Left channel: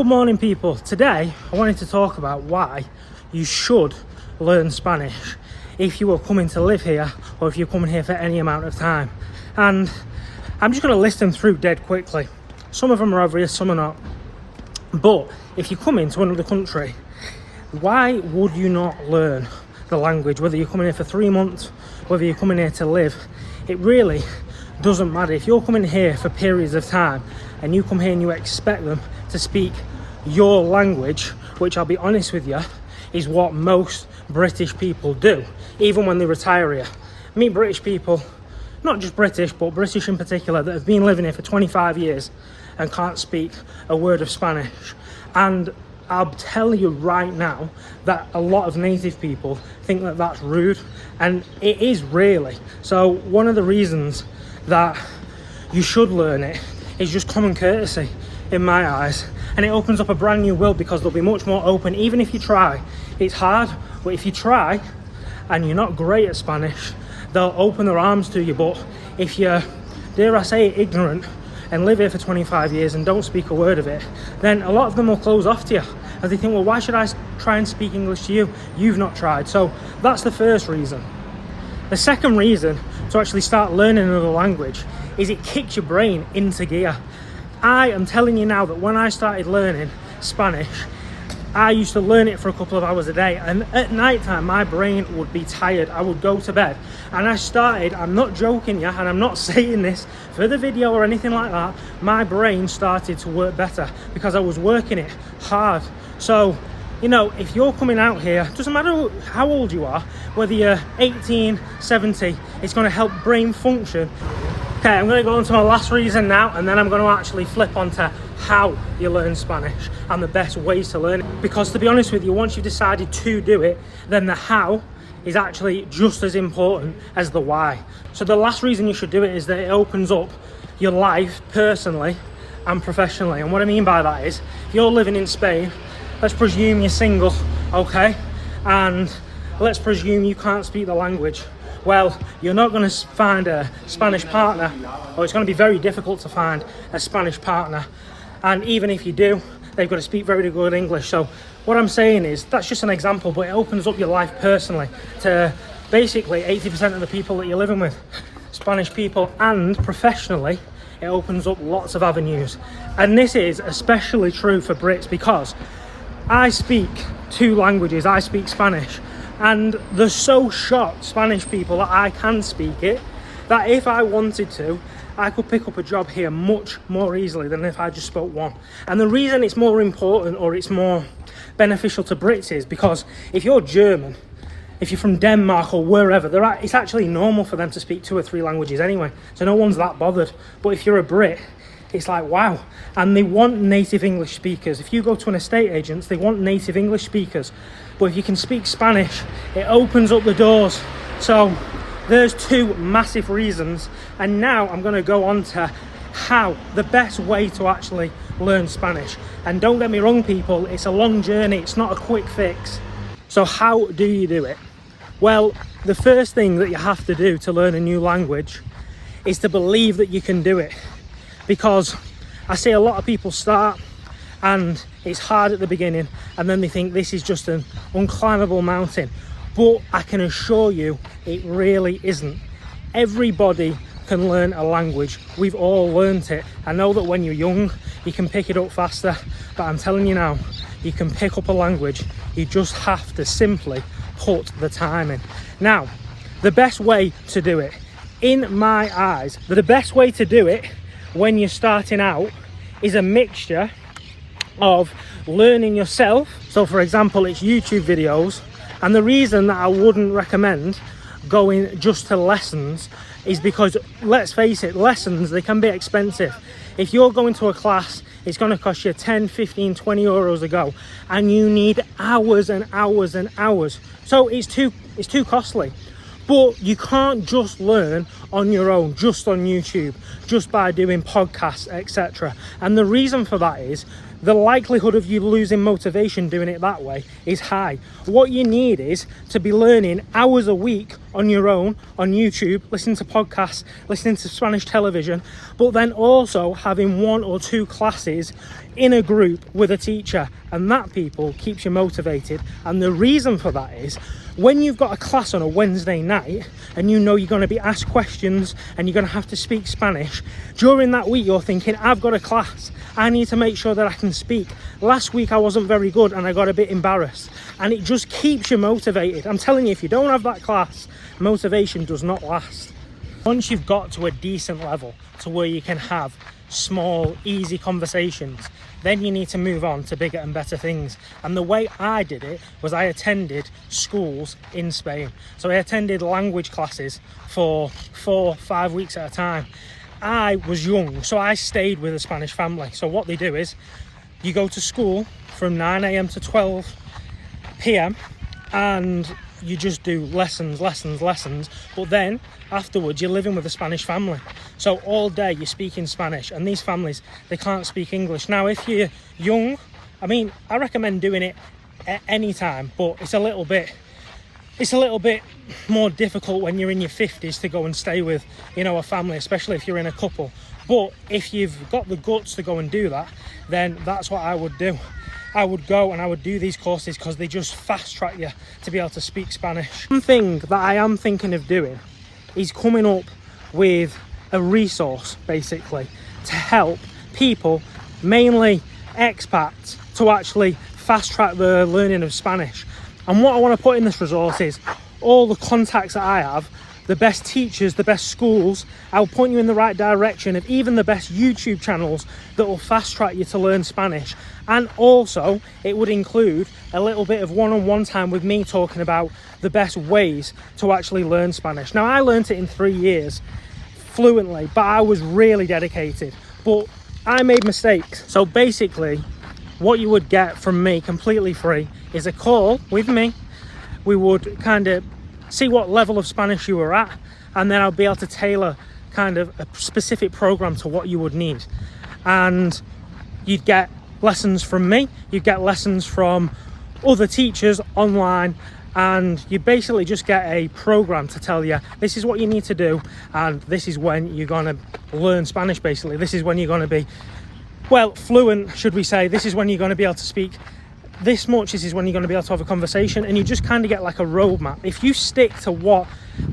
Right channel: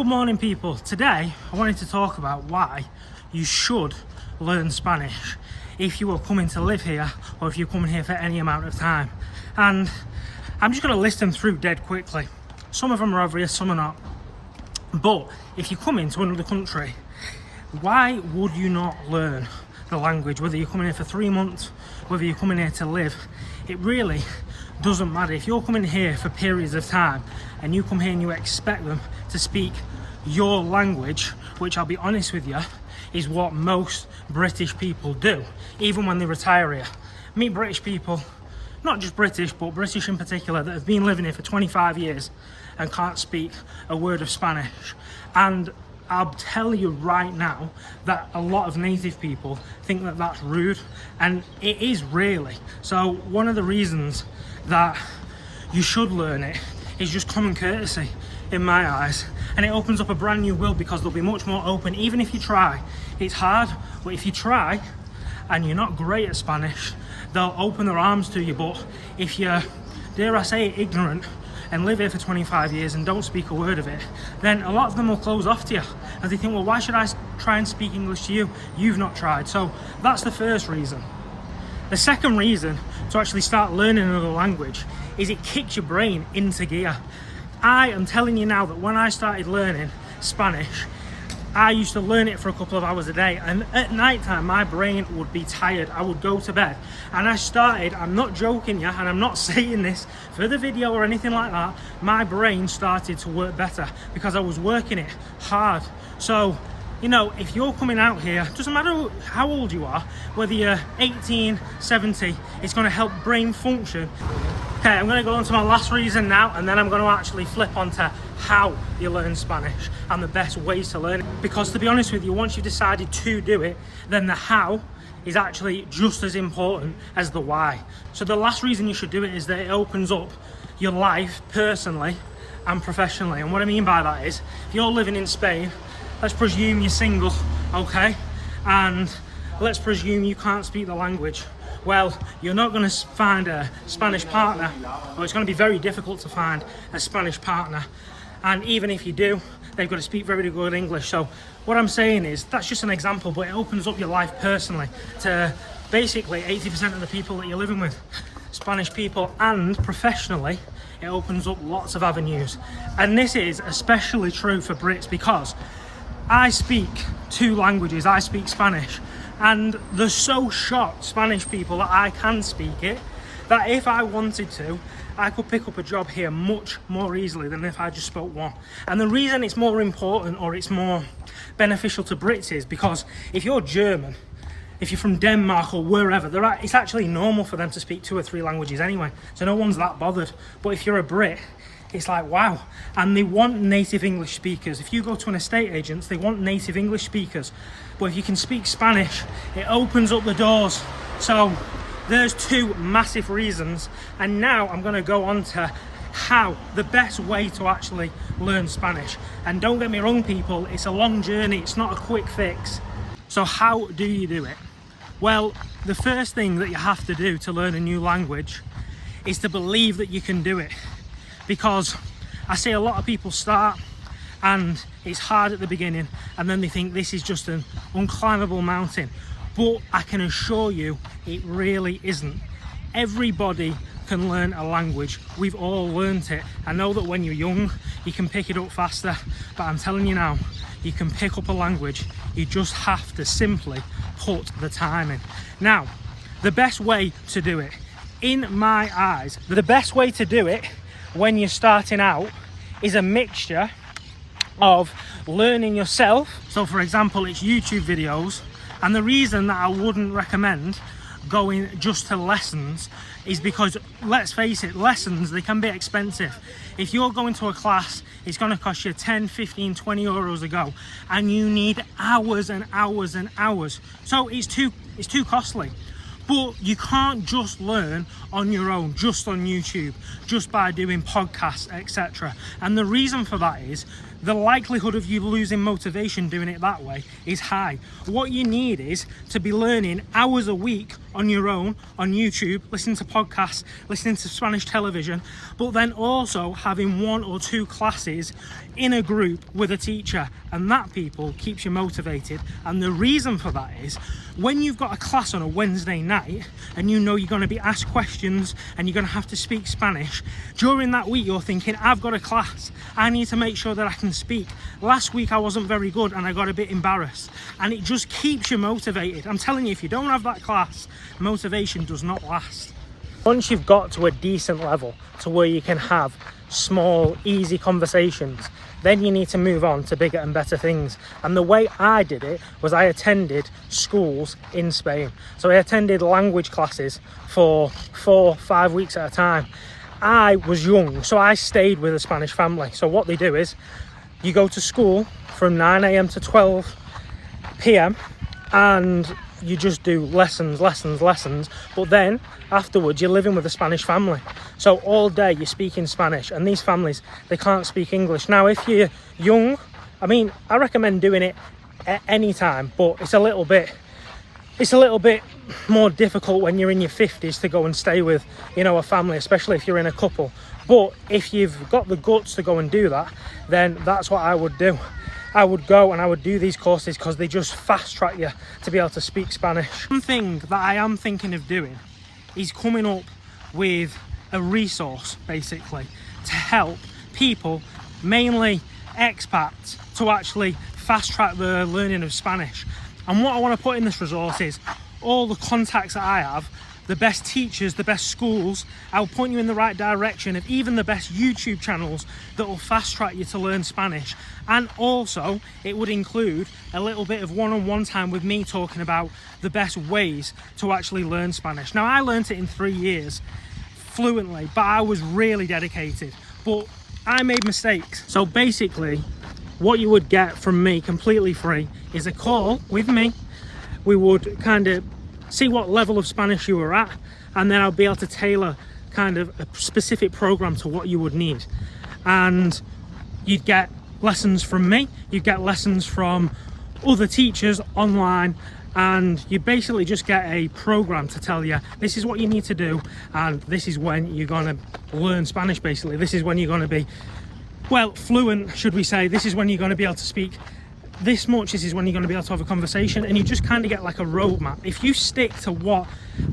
Good morning, people. Today I wanted to talk about why you should learn Spanish if you are coming to live here or if you're coming here for any amount of time. And I'm just going to list them through dead quickly. Some of them are obvious, some are not. But if you come into another country, why would you not learn the language? Whether you're coming here for 3 months, whether you're coming here to live, it really doesn't matter. If you're coming here for periods of time and you come here and you expect them to speak your language, which I'll be honest with you, is what most British people do, even when they retire here. Meet British people, not just British, but British in particular, that have been living here for 25 years and can't speak a word of Spanish. And I'll tell you right now that a lot of native people think that that's rude, and it is really. So one of the reasons that you should learn it is just common courtesy in my eyes, and it opens up a brand new world because they'll be much more open. Even if you try, it's hard, but if you try and you're not great at Spanish, they'll open their arms to you. But if you're, dare I say, ignorant and live here for 25 years and don't speak a word of it, then a lot of them will close off to you, and they think, well, why should I try and speak English to you? You've not tried. So that's the first reason. The second reason to actually start learning another language is it kicks your brain into gear. I am telling you now that when I started learning Spanish, I used to learn it for a couple of hours a day, and at night time my brain would be tired. I would go to bed, and I started, I'm not joking you, and I'm not saying this for the video or anything like that, my brain started to work better because I was working it hard. So, you know, if you're coming out here, doesn't matter how old you are, whether you're 18, 70, it's going to help brain function. Okay, I'm going to go on to my last reason now, and then I'm going to actually flip onto how you learn Spanish and the best ways to learn it. Because to be honest with you, once you've decided to do it, then the how is actually just as important as the why. So the last reason you should do it is that it opens up your life personally and professionally. And what I mean by that is, if you're living in Spain, let's presume you're single, okay? And let's presume you can't speak the language. Well, you're not going to find a Spanish partner, or it's going to be very difficult to find a Spanish partner. And even if you do, they've got to speak very good English. So what I'm saying is, that's just an example, but it opens up your life personally to basically 80% of the people that you're living with, Spanish people, and professionally, it opens up lots of avenues. And this is especially true for Brits because I speak 2 languages. I speak Spanish, and they're so shocked, Spanish people, that I can speak it, that if I wanted to, I could pick up a job here much more easily than if I just spoke one. And the reason it's more important, or it's more beneficial to Brits, is because if you're German, if you're from Denmark or wherever, it's actually normal for them to speak 2 or 3 languages anyway, so no one's that bothered. But if you're a Brit, it's like, wow. And they want native English speakers. If you go to an estate agent, they want native English speakers. But if you can speak Spanish, it opens up the doors. So there's 2 massive reasons. And now I'm going to go on to how, the best way to actually learn Spanish. And don't get me wrong, people, it's a long journey. It's not a quick fix. So how do you do it? Well, the first thing that you have to do to learn a new language is to believe that you can do it. Because I see a lot of people start and it's hard at the beginning, and then they think this is just an unclimbable mountain. But I can assure you it really isn't. Everybody can learn a language. We've all learnt it. I know that when you're young you can pick it up faster, but I'm telling you now, you can pick up a language. You just have to simply put the time in. Now, the best way to do it, in my eyes, the best way to do it when you're starting out is a mixture of learning yourself. So for example, it's YouTube videos, and the reason that I wouldn't recommend going just to lessons is because, let's face it, lessons, they can be expensive. If you're going to a class, it's going to cost you 10, 15, 20 euros a go, and you need hours and hours and hours. So it's too costly. But you can't just learn on your own, just on YouTube, just by doing podcasts, etc. And the reason for that is the likelihood of you losing motivation doing it that way is high. What you need is to be learning hours a week on your own, on YouTube, listening to podcasts, listening to Spanish television, but then also having 1 or 2 classes in a group with a teacher, and that, people, keeps you motivated. And the reason for that is when you've got a class on a Wednesday night and you know you're going to be asked questions and you're going to have to speak Spanish, during that week you're thinking, I've got a class, I need to make sure that I can speak. Last week I wasn't very good and I got a bit embarrassed, and it just keeps you motivated. I'm telling you, if you don't have that class, motivation does not last. Once you've got to a decent level to where you can have small, easy conversations, then you need to move on to bigger and better things. And the way I did it was I attended schools in Spain. So I attended language classes for 4-5 weeks at a time. I was young, so I stayed with a Spanish family. So what they do is you go to school from 9 a.m. to 12 p.m. and you just do lessons, but then afterwards you're living with a Spanish family, so all day you're speaking Spanish, and these families, they can't speak English. Now if you're young, I mean, I recommend doing it at any time, but it's a little bit more difficult when you're in your 50s to go and stay with, you know, a family, especially if you're in a couple. But if you've got the guts to go and do that, then that's what I would do. I would go and I would do these courses because they just fast track you to be able to speak Spanish. One thing that I am thinking of doing is coming up with a resource, basically, to help people, mainly expats, to actually fast track the learning of Spanish. And what I want to put in this resource is all the contacts that I have, the best teachers, the best schools. I'll point you in the right direction of even the best YouTube channels that will fast track you to learn Spanish. And also it would include a little bit of one-on-one time with me talking about the best ways to actually learn Spanish. Now, I learned it in 3 years fluently, but I was really dedicated, but I made mistakes. So basically what you would get from me completely free is a call with me. We would kind of see what level of Spanish you were at, and then I'll be able to tailor kind of a specific program to what you would need. And you'd get lessons from me, you'd get lessons from other teachers online, and you basically just get a program to tell you this is what you need to do, and this is when you're going to learn Spanish. Basically, this is when you're going to be, well, fluent, should we say. This is when you're going to be able to speak this much, this is when you're going to be able to have a conversation, and you just kind of get like a roadmap. If you stick to what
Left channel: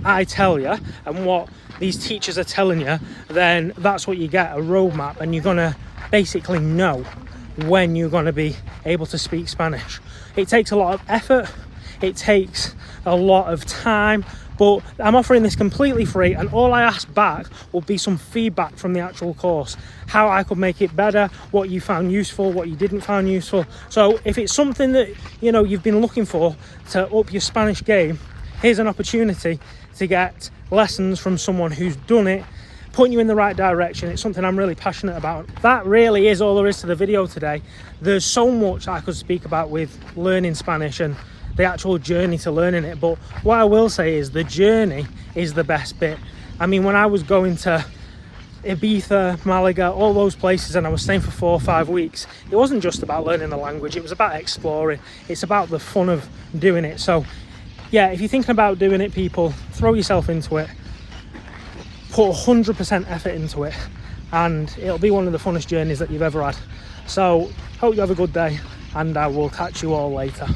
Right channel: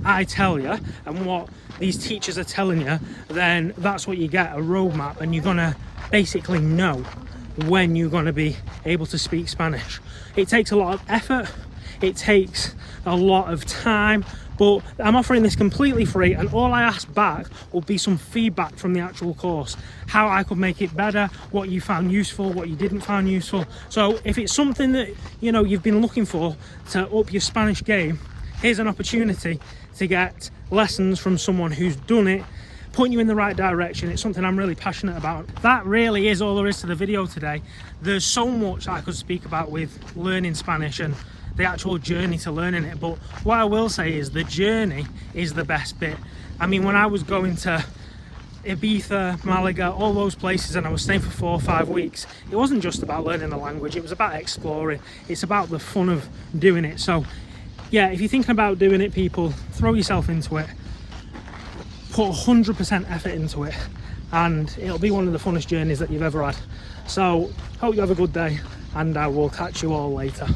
I tell you and what these teachers are telling you, then that's what you get, a roadmap, and you're going to basically know when you're going to be able to speak Spanish. It takes a lot of effort, it takes a lot of time, but I'm offering this completely free, and all I ask back will be some feedback from the actual course, how I could make it better, what you found useful, what you didn't find useful. So if it's something that, you know, you've been looking for to up your Spanish game, here's an opportunity to get lessons from someone who's done it, point you in the right direction. It's something I'm really passionate about. That really is all there is to the video today. There's so much I could speak about with learning Spanish and the actual journey to learning it, but what I will say is the journey is the best bit. I mean, when I was going to Ibiza, Malaga, all those places, and I was staying for 4 or 5 weeks, it wasn't just about learning the language, it was about exploring. It's about the fun of doing it. So yeah, if you're thinking about doing it, people, throw yourself into it, put 100% effort into it, and it'll be one of the funnest journeys that you've ever had. So hope you have a good day, and I will catch you all later.